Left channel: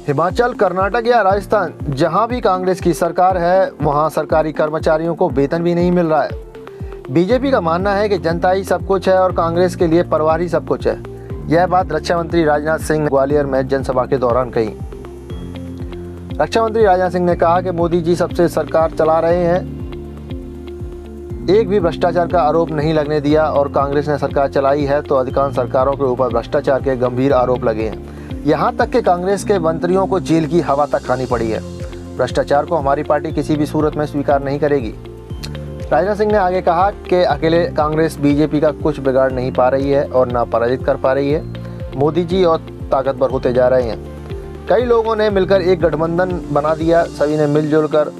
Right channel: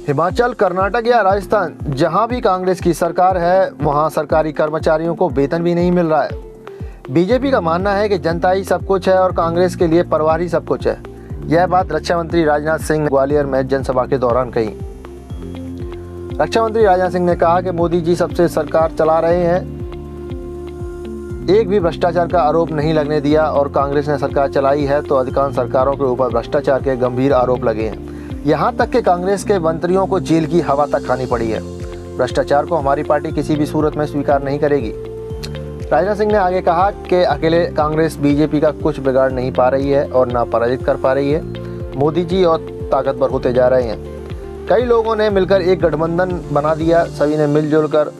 हिमाचल, कर्नाटक या राजस्थान, जहां भी कांग्रेस की सरकार है वहां सरकारी कर्मचारियों को वेतन भी नहीं मिल रहा है। बीजेपी का मानना है कि जनता ही सब कुछ है और कांग्रेस के लिए परिवार ही सब कुछ है। यह बात रक्षा मंत्री राजनाथ सिंह ने ग्वालियर में जनसभा के दौरान कही। रक्षा मंत्री राजनाथ सिंह ने कहा कि मोदी जी सबसे सरकार चला रहे हैं, एक भी भ्रष्टाचार का आरोप नहीं लगने दिया, और कांग्रेस ने सरकार चलाई है तो अधिकांश सरकारों के ऊपर भ्रष्टाचार के गंभीर आरोप लगे हैं। यहाँ तक कि कांग्रेस के मंत्रियों को जेल की हवा तक खानी पड़ी है। भ्रष्टाचार को हमारी पार्टी किसी भी सूरत में स्वीकार नहीं करेगी। राजनाथ सिंह ने आगे कहा कि अकेले कांग्रेस बीजेपी का कुछ बिगाड़ नहीं पा रही है और ना पराजित कर पा रही है। मोदी जी और ताकतवर होते जा रहे हैं। कई लोगों ने मिलकर एक गठबंधन बना दिया, सभी ने मिलजुल कर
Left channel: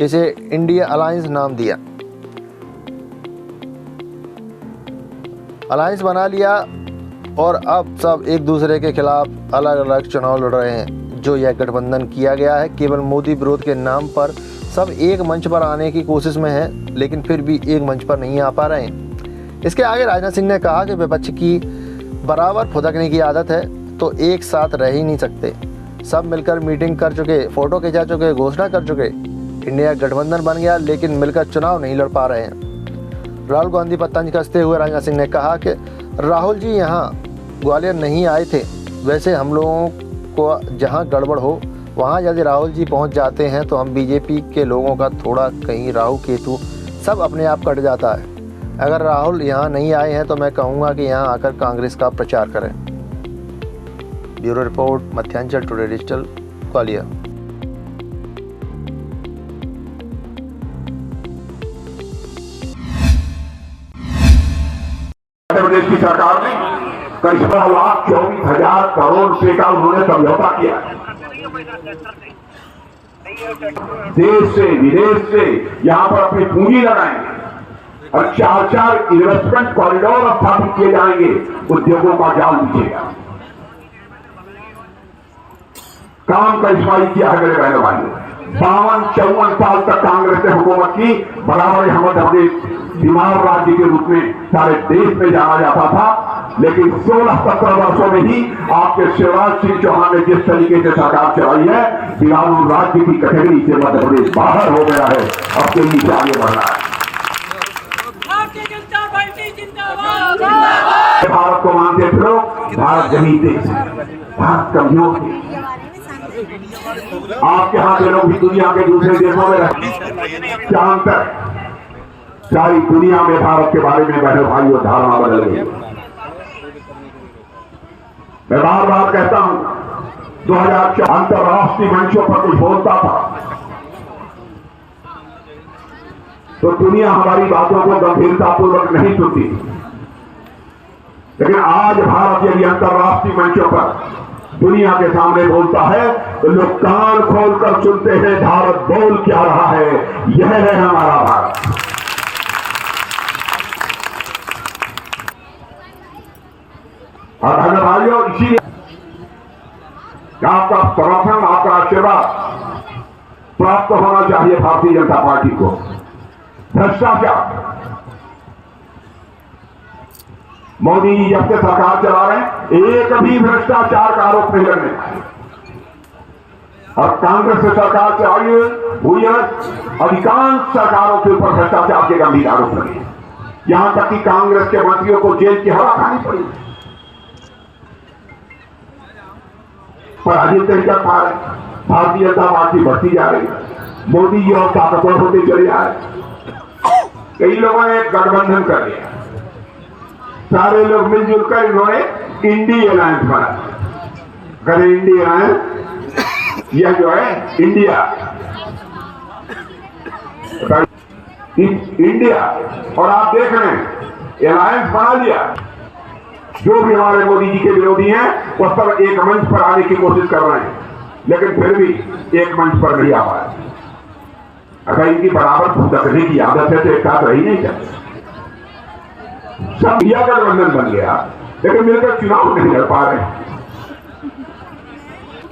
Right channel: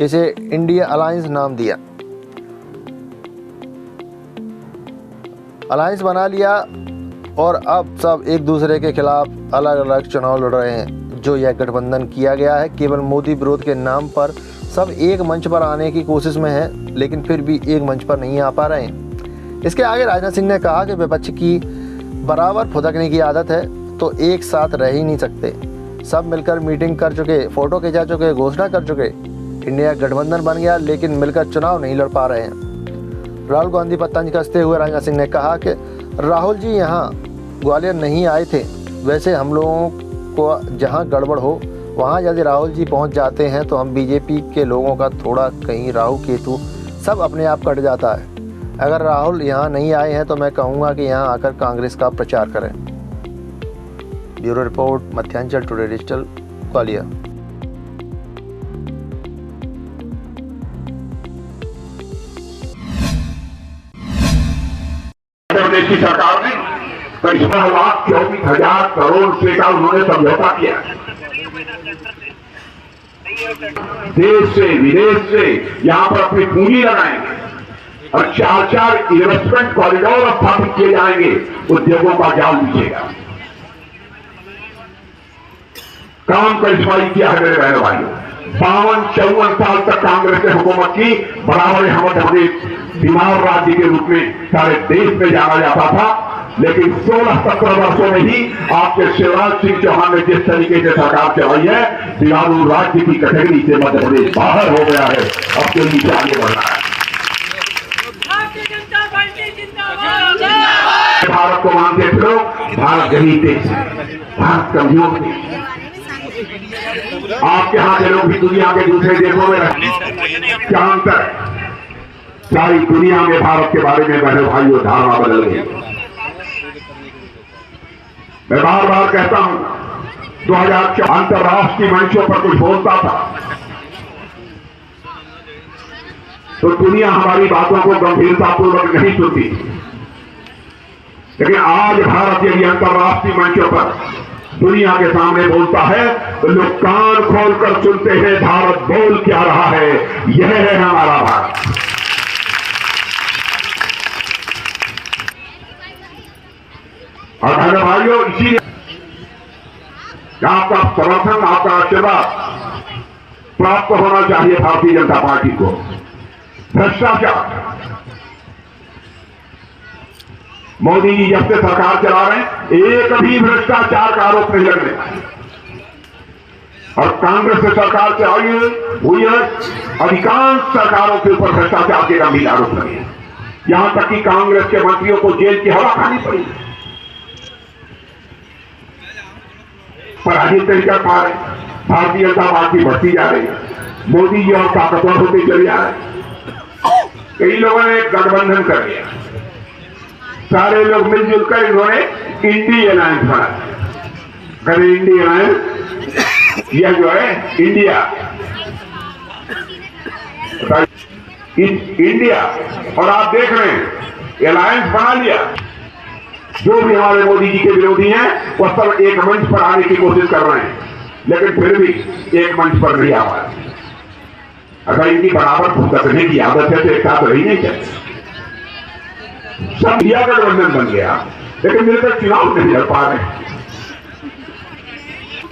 इसे इंडिया अलायंस नाम दिया, अलायंस बना लिया और अब सब एक दूसरे के खिलाफ अलग अलग चुनाव लड़ रहे हैं। जो यह गठबंधन किया गया है केवल मोदी विरोध के नाम पर, सब एक मंच पर आने की कोशिश में है लेकिन फिर भी एक मंच पर नहीं आ पा रहे हैं। इसके आगे राजनाथ सिंह ने कहा कि विपक्ष की बराबर फुदकने की आदत है तो एक साथ रह ही नहीं सकते। सब मिलकर मीटिंग कर चुके, फोटो खिंचा चुके, घोषणा कर चुके, इंडिया गठबंधन बन गया लेकिन मिलकर चुनाव नहीं लड़ पा रहे हैं। राहुल गांधी पर तंज कसते हुए राजनाथ सिंह ने कहा कि राहुल जी यहाँ ग्वालियर नहीं आए थे, वैसे हम लोगों को जहाँ गड़बड़ हो वहाँ यदि राहुल जी पहुँच जाते हैं तो हम बीजेपी के लोगों का थोड़ा कहीं राहु केतु सब अपने आप कट जाता है। अगर राहुल यहाँ नहीं आए हैं तो मैं कहूँगा कि यहाँ आकर कांग्रेस का प्रचार करें। Bureau report, Madhyanchal today digital, Gwalior. प्रदेश की सरकार ने करीब 16,24,000 करोड़ रुपए का उन्होंने समझौता किया। देश से विदेश से यहां पर अपनी पूंजी लगाएंगे और 4 इन्वेस्टमेंट कॉरिडोर स्थापित किए जाएंगे। उद्योगों का जाल बिछेगा। काम करिश्माई किया है मेरे बहनों भाइयों। 52-54 साल तक कांग्रेस ने हुकूमत की। बराबर मध्य प्रदेश बीमार राज्य के रूप में सारे देश में जाना जाता था, लेकिन 16-17 वर्षों में ही आपके शिवराज सिंह चौहान ने जिस तरीके से सरकार चलाई है, बीमारू राज्य की कैटेगरी से मध्य प्रदेश बाहर हो गया है और के नीचे आगे बढ़ रहा है। भारत को मानते थे लोग, भारत गरीब देश है, भारत कमजोर देश है। आपके यहाँ के लोग भी दुनिया के दूसरे देशों में रहते, क्या अंतर है? सारी दुनिया में भारत के बारे में बहनों भाइयों धारणा बदल गई। मैं बार बार कहता हूं, 2004 अंतर्राष्ट्रीय मंचों पर कुछ बोलता था तो दुनिया हमारी बातों को गंभीरतापूर्वक नहीं सुनती, लेकिन आज भारत यदि अंतर्राष्ट्रीय मंचों पर दुनिया के सामने बोलता है तो लोग कान खोलकर सुनते हैं भारत बोल क्या रहा है। यह है हमारा भारत। और बहनों भाइयों, इसीलिए आपका समर्थन, आपका आशीर्वाद प्राप्त होना चाहिए भारतीय जनता पार्टी को। भ्रष्टाचार, मोदी जी जब से सरकार चला रहे हैं एक भी भ्रष्टाचार का आरोप नहीं लगने, और कांग्रेस से सरकार चलाई हुई है अधिकांश सरकारों के ऊपर भ्रष्टाचार के गंभीर आरोप लगे। यहां तक कि कांग्रेस के मंत्रियों को जेल की हवा खानी पड़ी, पराजित नहीं कर पा रहे। भारतीय जनता पार्टी बढ़ती जा रही है, मोदी जी और ताकतवर होते चले जा रहे। कई लोगों ने गठबंधन कर लिया, सारे लोग मिलजुल कर इन्होंने इंडी अलायंस बनाया। इंडी अलायंस यह जो है इंडिया इंडिया और आप देख रहे हैं अलायंस बना लिया। जो भी हमारे मोदी जी के विरोधी हैं वो सब एक मंच पर आने की कोशिश कर रहे हैं, लेकिन फिर भी एक मंच पर नहीं आ पाए। अगर इनकी बराबर फुदकने की आदत है तो एक साथ रही नहीं चाहते। सब इंडिया गठबंधन बन गया लेकिन मिलकर चुनाव नहीं लड़ पा रहे।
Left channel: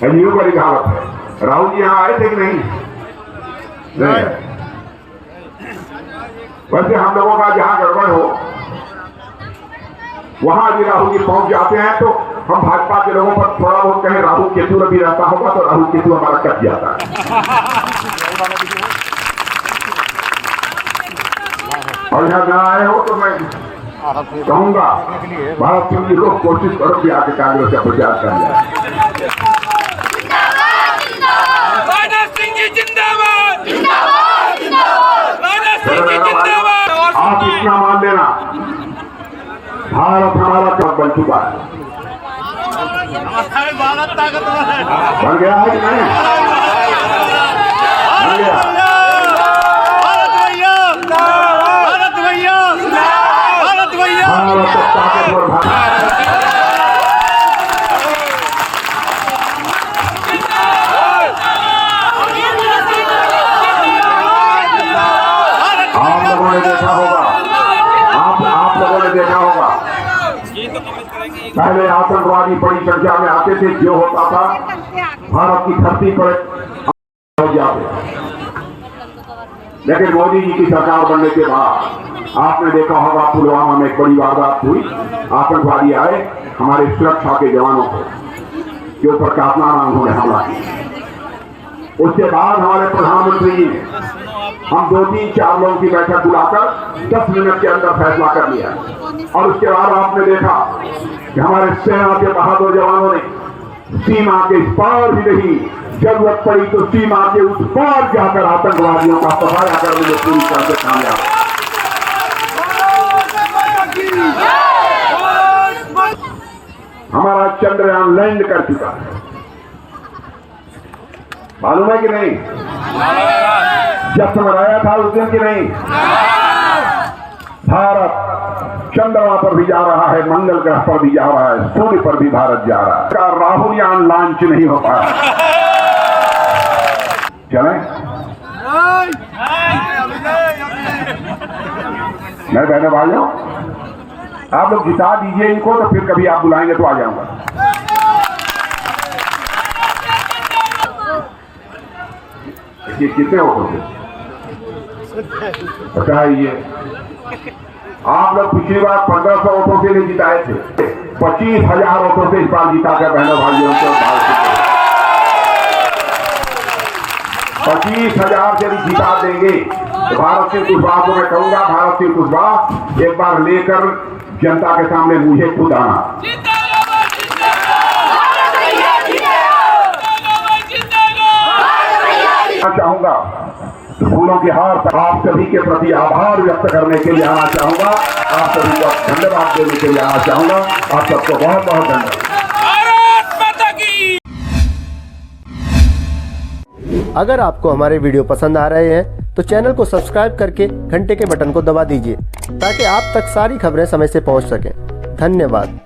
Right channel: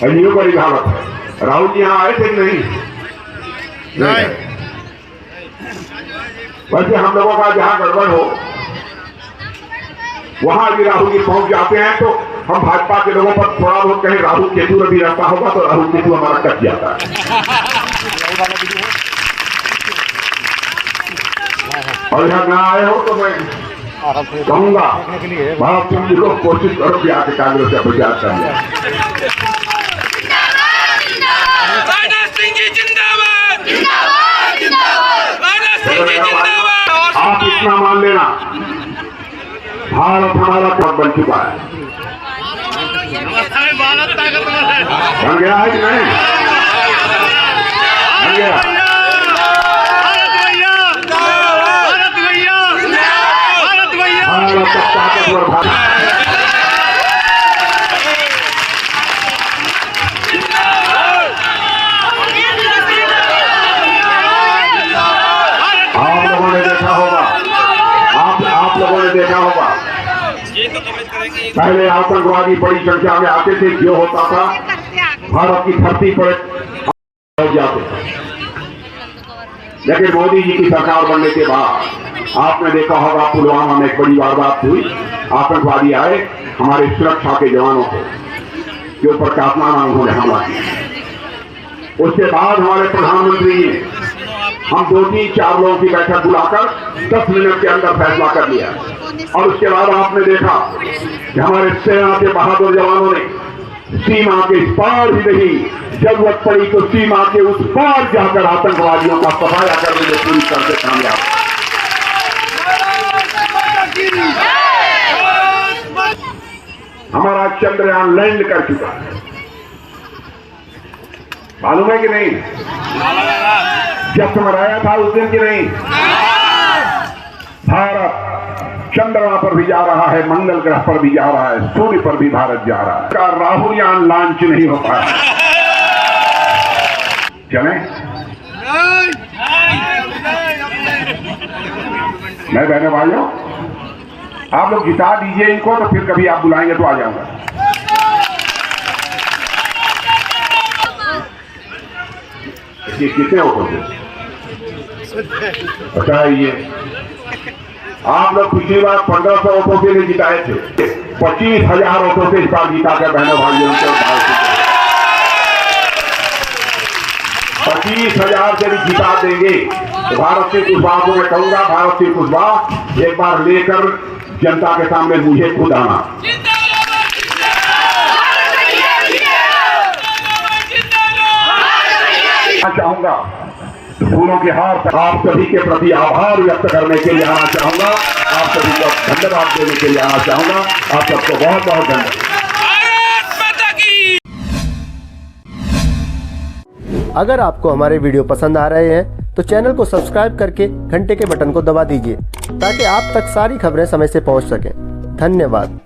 एनजीओ का हालत है। राहुल जी यहां आए थे कि नहीं? वैसे हम लोगों का जहां गड़बड़ हो वहां भी राहुल जी पहुंच जाते हैं तो हम भाजपा के लोगों पर थोड़ा बहुत कहीं राहुल केतु भी रहता होगा तो राहुल केतु हमारा कट जाता है। और यहाँ न आए हो तो मैं कहूंगा भारत सिंह जी को कोशिश करो कि आके कांग्रेस का प्रचार कर लिया। आप इतना मान लेना, भारत हमारा कब बन चुका है, बन गया है कि नहीं? बन गया। देखा होगा पहले आतंकवादी बड़ी संख्या में आते थे, जो होता था भारत की धरती पर हो जाते। लेकिन मोदी जी की सरकार बनने के बाद आपने देखा होगा पुलवामा में एक बड़ी वारदात हुई, आतंकवादी आए हमारे सुरक्षा के जवानों को के ऊपर काफिलाना उन्होंने हमला किया। उसके बाद हमारे प्रधानमंत्री ने हम 2-3-4 लोगों की बैठक बुलाकर 10 मिनट के अंदर फैसला कर लिया। और उसके बाद आपने देखा कि हमारे सेना के बहादुर जवानों ने सीमा के इस पार ही नहीं, जरूरत पड़ी तो सीमा के उस पार जाकर आतंकवादियों का सफाया करने में पूरी तरह से कामयाब। हमारा चंद्रयान लैंड कर चुका है, मालूम है कि नहीं? जब समझाया था उस दिन की नहीं। भारत चंद्रमा पर भी जा रहा है, मंगल ग्रह पर भी जा रहा है, सूर्य पर भी भारत जा रहा है। राहुल यान लॉन्च नहीं हो पाया। चलें? मैं कहने भाइयों, आप लोग जिता दीजिए इनको, तो फिर कभी आप बुलाएंगे तो आ जाऊंगा। कितने वोटों से बताइए? आप लोग पिछली बार 1500 वोटों से नहीं जिताए थे, 25,000 वोटों से इस बार जीता कर बहनों भाइयों को 25,000 से भी जिता देंगे तो भारत सिंह कुशवाहा को मैं कहूंगा, भारत सिंह कुशवाहा एक बार लेकर जनता के सामने मुझे खुद आना। चाहूंगा फूलों के हार आप सभी के प्रति आभार व्यक्त करने के लिए आना चाहूंगा, आप सभी को धन्यवाद देने के लिए आना चाहूंगा। आप सबको बहुत बहुत धन्यवाद। अगर आपको हमारे वीडियो पसंद आ रहे हैं तो चैनल को सब्सक्राइब करके घंटे के बटन को दबा दीजिए ताकि आप तक सारी खबरें समय से पहुंच सकें। धन्यवाद।